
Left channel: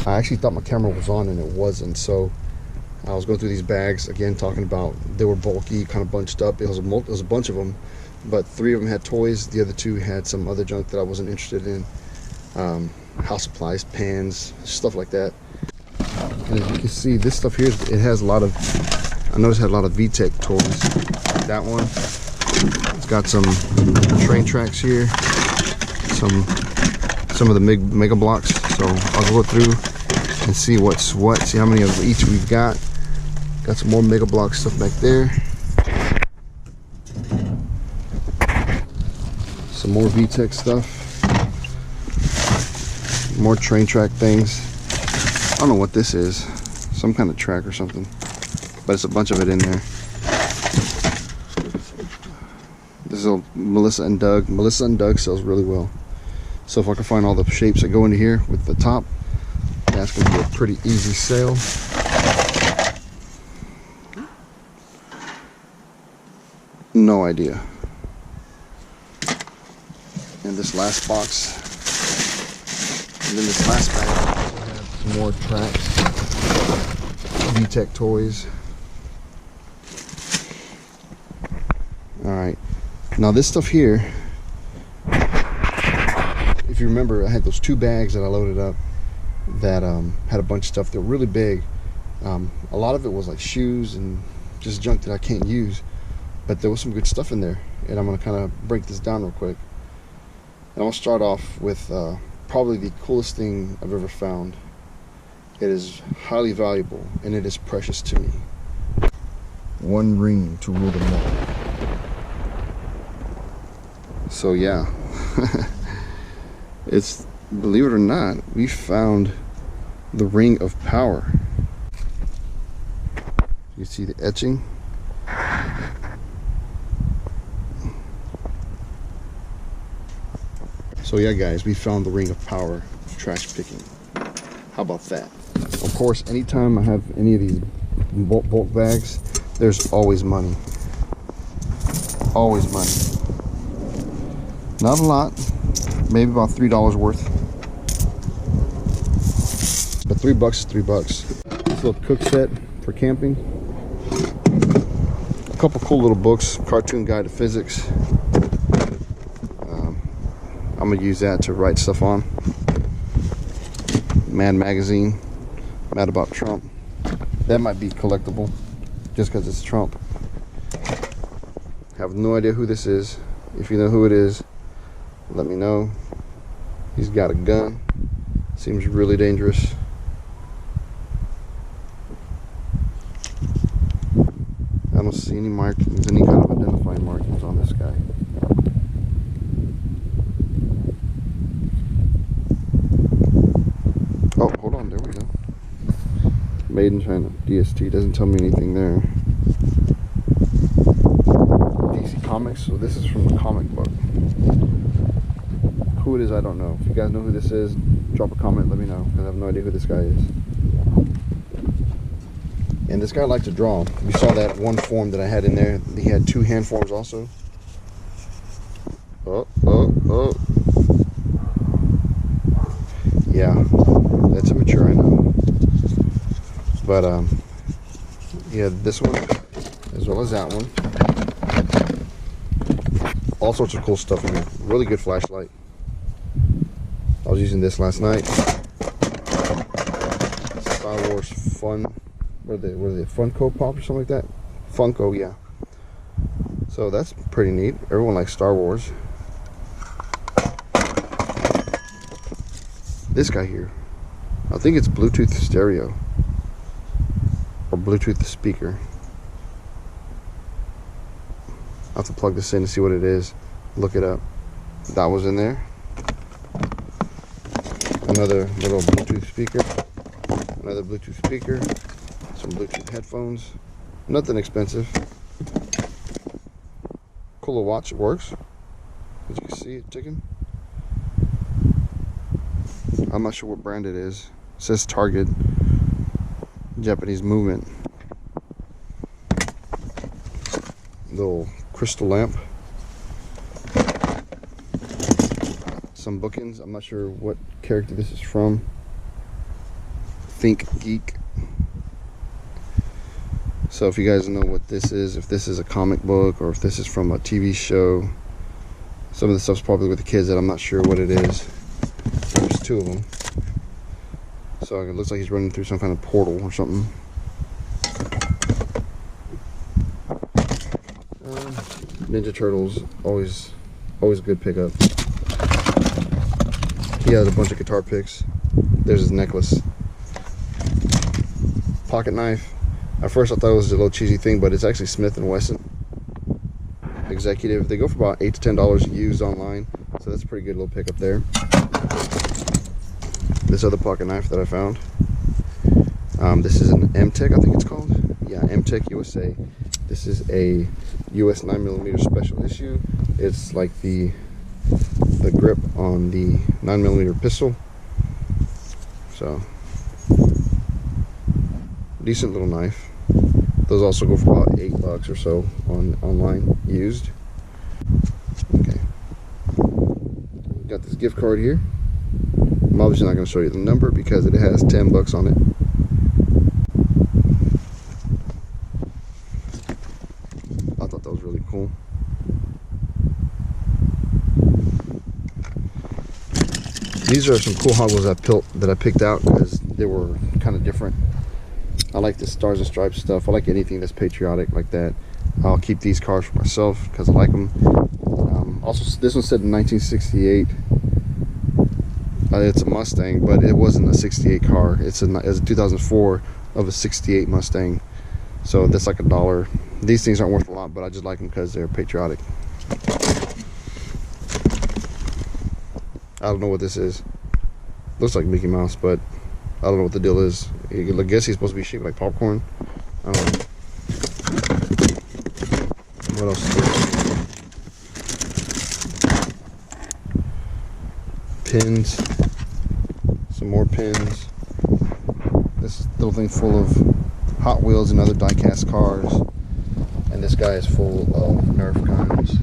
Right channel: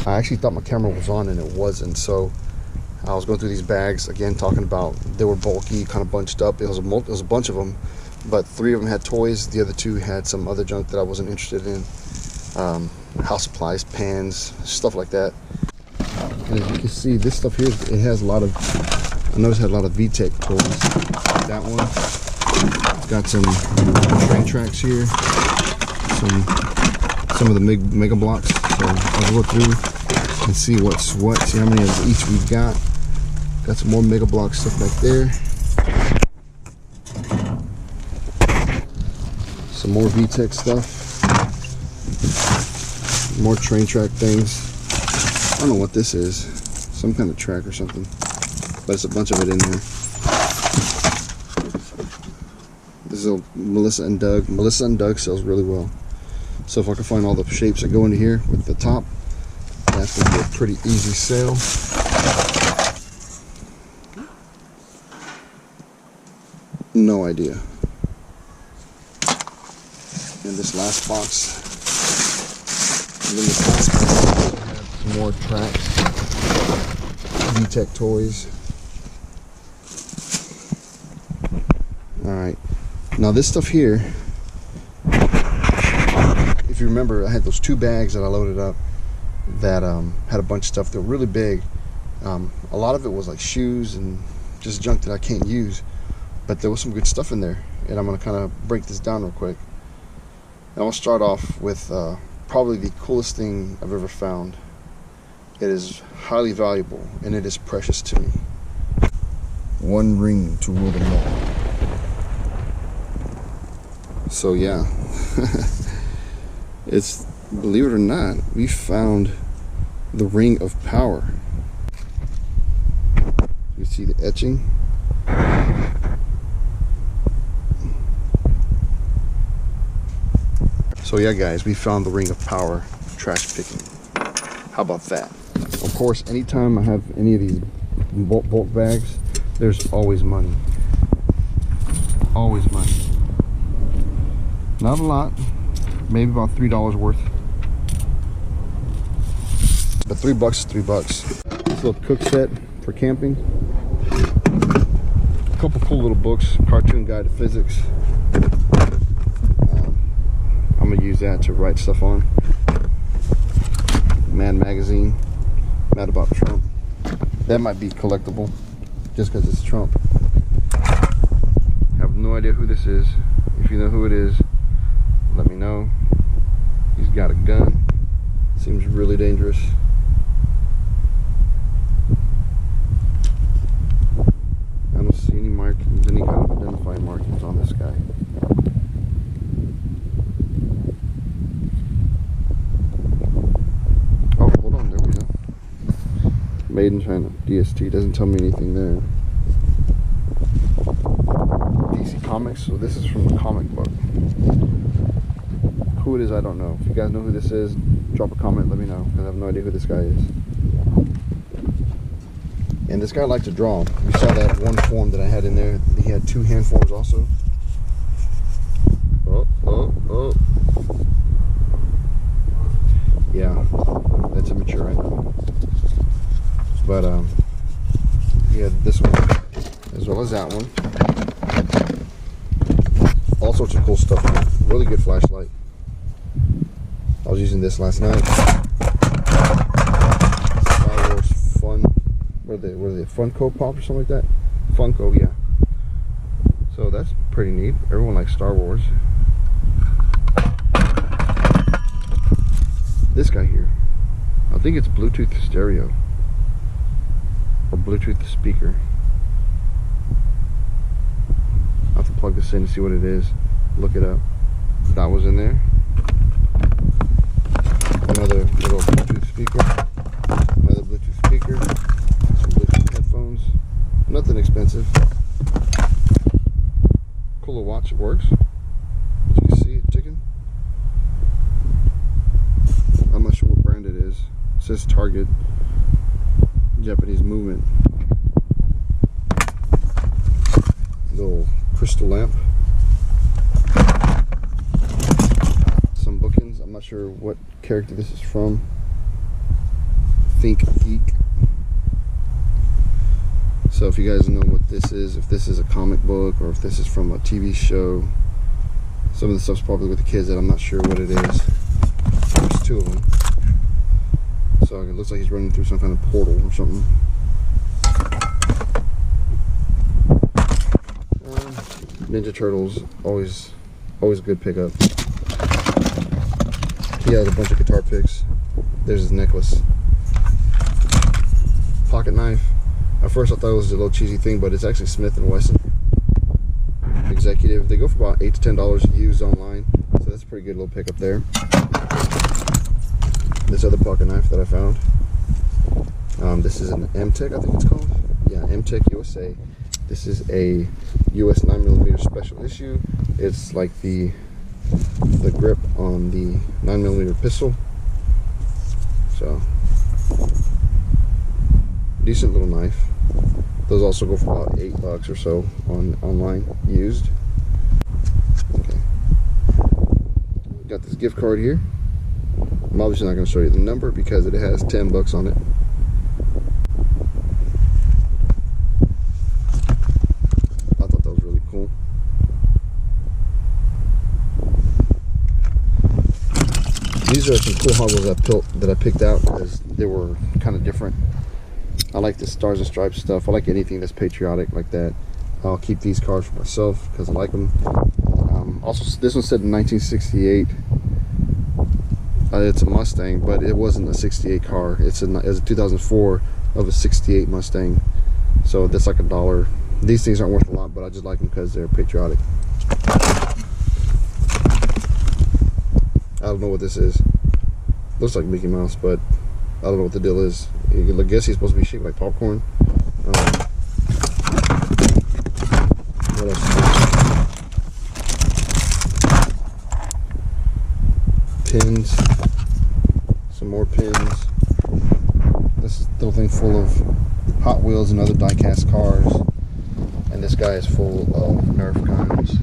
I actually thought my camera was on and it wasn't, so I was going through these bags again, talking about they were bulky, kind of bunched up. It was a bunch of them, but 3 of them had toys. The other 2 had some other junk that I wasn't interested in. House supplies, pans, stuff like that. And as you can see, this stuff here, it has a lot of, I noticed it had a lot of VTech toys. That one, it's got some train tracks here, some of the mega blocks. So I'll go through and see what's what, see how many of each we've got. Got some more mega block stuff back there. Some more VTech stuff. More train track things. I don't know what this is. Some kind of track or something. But it's a bunch of it in there. This is a Melissa and Doug. Melissa and Doug sells really well. So if I can find all the shapes that go into here with the top, that's going to be a pretty easy sale. No idea. And this last box, and then this last bag, we have some more tracks, VTech toys. All right, now this stuff here, if you remember, I had those 2 bags that I loaded up that had a bunch of stuff that were really big. A lot of it was like shoes and just junk that I can't use, but there was some good stuff in there, and I'm gonna kind of break this down real quick. And I'll start off with probably the coolest thing I've ever found. It is highly valuable and it is precious to me. One ring to rule them all. So yeah, it's, believe it or not, we found the ring of power. You see the etching? So yeah guys, we found the ring of power trash picking. How about that? Of course, anytime I have any of these bulk bags, there's always money. Always money. Not a lot, maybe about $3 worth. But $3 is $3. This little cook set for camping. A couple cool little books, Cartoon Guide to Physics. I'm gonna use that to write stuff on. Mad Magazine, Mad About Trump. That might be collectible, just because it's Trump. I have no idea who this is. If you know who it is, let me know. He's got a gun. Seems really dangerous. I don't see any markings, any kind of identifying markings on this guy. Oh, hold on, there we go. Made in China, DST, doesn't tell me anything there. DC Comics, so this is from the comic book. Who it is, I don't know. If you guys know who this is, drop a comment, let me know, because I have no idea who this guy is. And this guy liked to draw. You saw that one form that I had in there. He had 2 hand forms also. Oh. Yeah, that's immature, I know. But he had this one as well as that one. All sorts of cool stuff in it. Really good flashlight. I was using this last night. Star Wars Fun. What are they? Funko Pop or something like that? Funko, yeah. So that's pretty neat. Everyone likes Star Wars. This guy here, I think it's Bluetooth stereo or Bluetooth speaker. I'll have to plug this in to see what it is. Look it up. That was in there. Another little Bluetooth speaker. Another Bluetooth speaker. Some Bluetooth headphones. Nothing expensive. Cool watch, it works. As you can see it ticking. I'm not sure what brand it is. It says Target. Japanese movement. Little crystal lamp. Some bookends. I'm not sure what character this is from. Think Geek. So if you guys know what this is, if this is a comic book or if this is from a TV show, some of the stuff's probably with the kids that I'm not sure what it is. There's two of them. So it looks like he's running through some kind of portal or something. Ninja Turtles, always a good pickup. He has a bunch of guitar picks. There's his necklace. Pocket knife. At first I thought it was a little cheesy thing, but it's actually Smith & Wesson Executive. They go for about $8 to $10 used online, so that's a pretty good little pickup there. This other pocket knife that I found. This is an M-Tech, I think it's called. Yeah, M-Tech USA. This is a US 9mm special issue. It's like the grip on the 9mm pistol. So, decent little knife. Those also go for about $8 or so online used. Okay, got this gift card here. I'm obviously not going to show you the number because it has $10 on it. I thought that was really cool. These are some cool Hot Wheels that I picked out because they were kind of different. I like the Stars and Stripes stuff. I like anything that's patriotic like that. I'll keep these cars for myself because I like them. Also, this one said in 1968. It's a Mustang, but it wasn't a 68 car. It's a 2004 of a 68 Mustang. So that's like $1. These things aren't worth a lot, but I just like them because they're patriotic. I don't know what this is. Looks like Mickey Mouse, but I don't know what the deal is. I guess he's supposed to be shaped like popcorn. What else is there? Pins. Some more pins. This little thing full of Hot Wheels and other die-cast cars. And this guy is full of Nerf guns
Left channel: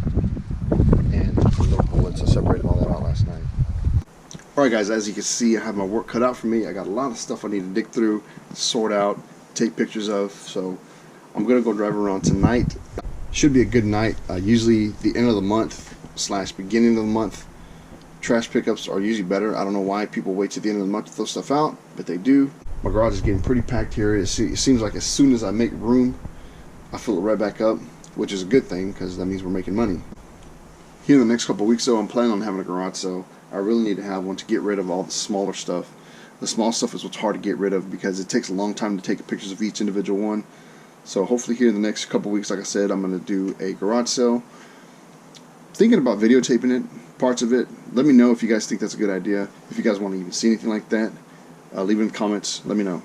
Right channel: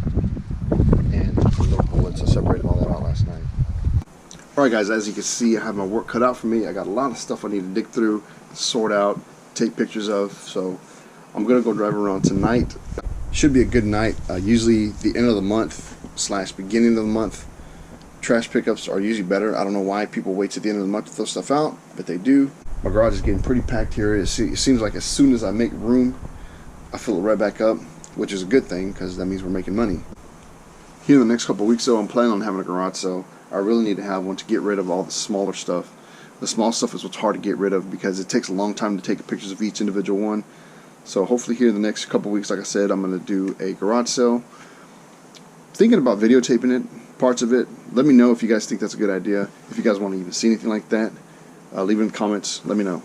and little bullets. I separated all that out last night. Alright guys, as you can see, I have my work cut out for me. I got a lot of stuff I need to dig through, sort out, take pictures of. So I'm going to go drive around tonight. Should be a good night. Usually the end of the month / beginning of the month, trash pickups are usually better. I don't know why people wait to the end of the month to throw stuff out, but they do. My garage is getting pretty packed here. It seems like as soon as I make room, I fill it right back up, which is a good thing because that means we're making money. Here in the next couple of weeks though, I'm planning on having a garage sale. I really need to have one to get rid of all the smaller stuff. The small stuff is what's hard to get rid of because it takes a long time to take pictures of each individual one. So hopefully here in the next couple of weeks, like I said, I'm going to do a garage sale. Thinking about videotaping it, parts of it. Let me know if you guys think that's a good idea. If you guys want to even see anything like that, leave it in the comments. Let me know.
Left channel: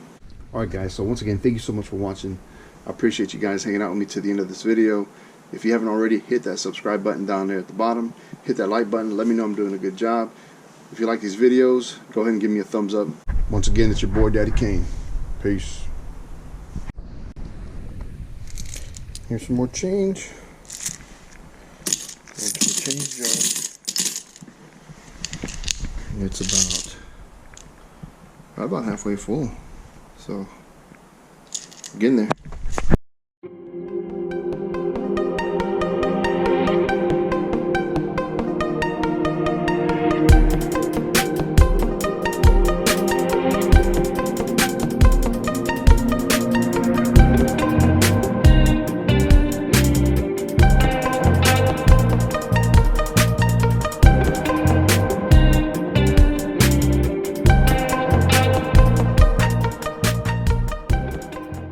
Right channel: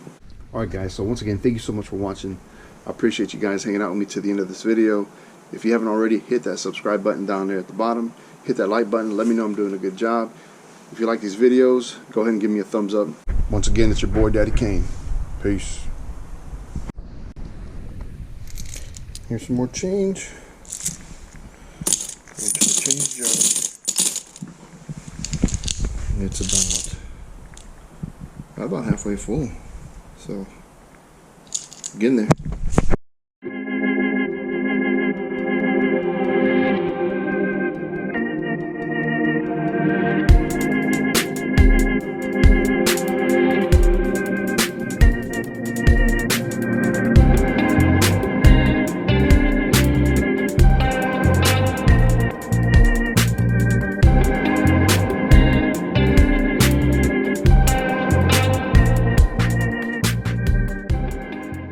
Alright guys, so once again, thank you so much for watching. I appreciate you guys hanging out with me to the end of this video. If you haven't already, hit that subscribe button down there at the bottom. Hit that like button. Let me know I'm doing a good job. If you like these videos, go ahead and give me a thumbs up. Once again, it's your boy Daddy Kane. Peace. Here's some more change. Go to the change jar. It's about halfway full. So, getting there.